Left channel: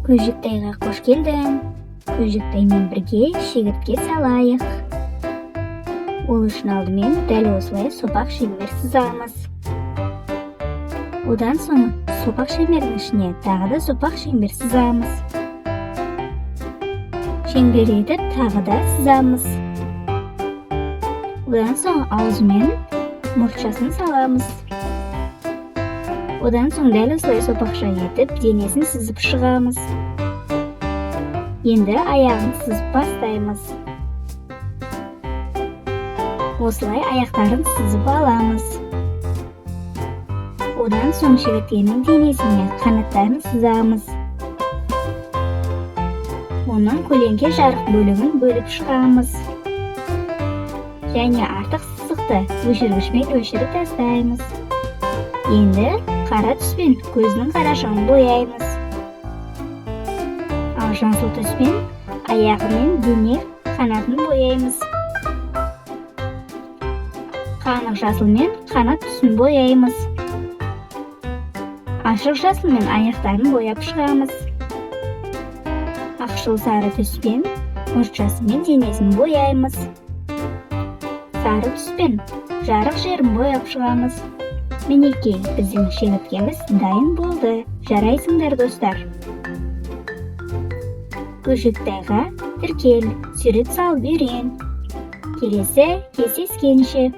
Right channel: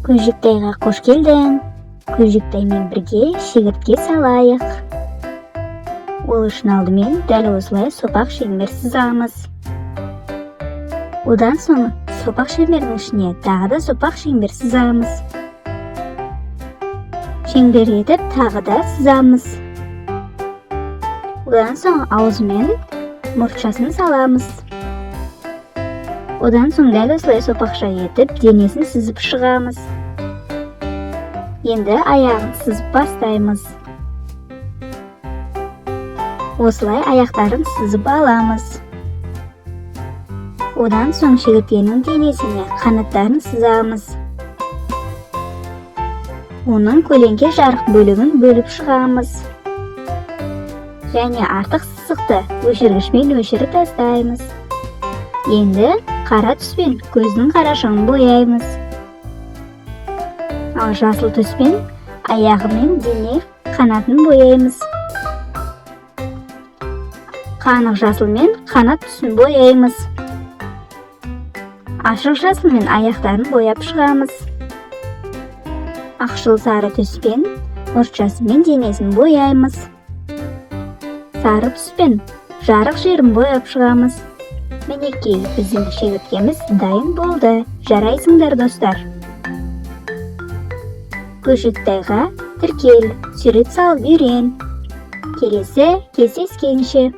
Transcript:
Көжүктайга кош келдиң. Көжүктай менен бирге шегиртке салайык. Ол үчүн алды мен дәл осулай сопак шемер сызабыз. Одан соң сопак шемердин ичине дагы да сопак шемер сызабыз. Шеңбер етип дагы да сызабыз. Одан соң аузу менен мурчасын салабыз. Одан соң дәл осулай сопакча етип денесин сызып чыгабыз. Енді аяғын сызып бастаймыз. Осылай аяқтарын сызып аламыз. Одан соң шегірткенің денесіне қанаттарын сызамыз. Оның көлеңке жарық бөлігін бөліп шығамыз. Және артық сызықты өшіргішпен өшіріп тастаймыз. Енді қара түспен көзінің қарашығын бояймыз. Ал жасыл түспен аяғы мен дене қанатын бояймыз. Қанық жасылмен қанат түсін бояймыз. Ашық жасылмен аяқтарын бояп шығамыз. Ақшыл сары түспен мұртшасы мен денесін бояймыз. Сары түспен жарық жерін бояп шығамыз. Мінекей, біздің шегірткеміз дайын болды. Жарайсыңдар, достар. Көжүктайга тіркел, сурет салып үйрен. Келесі кездескенше.